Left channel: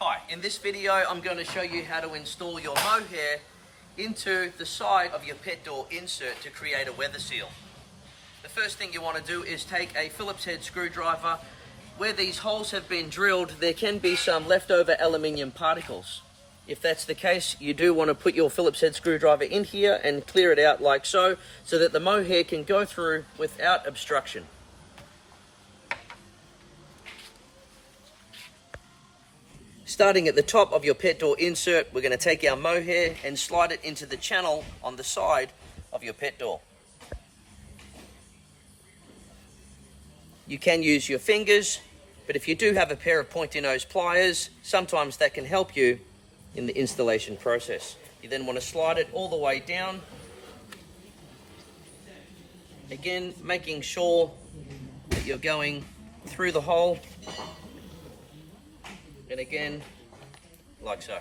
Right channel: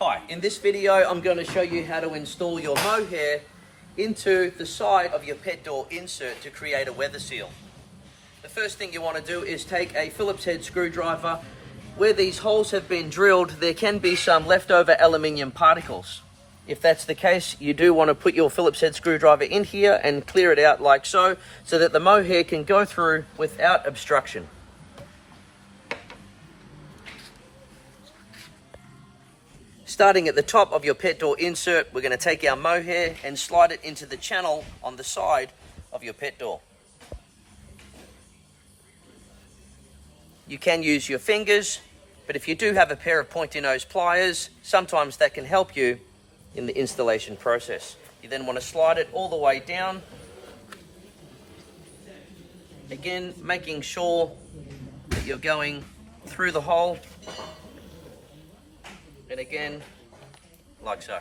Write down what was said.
Hi, in this video I'm going to show you how to install your mohair into the side of your pet door insert to create a weather seal. The first thing you want to do is take a Phillips head screwdriver. Where these holes have been drilled, there can be some leftover aluminium particles. If that's the case, you do want to put your Phillips head screwdriver in here and clear it out like so that the mohair can go through without obstruction. Starting at the top of your pet door insert, we're going to take our mohair and slide it into the channel on the side of your pet door. You can use your fingers, but if you do have a pair of pointy nose pliers, sometimes that can help you in the installation process. You then want to slide it all the way down. Again, making sure that you're going through the hole. And again, like so.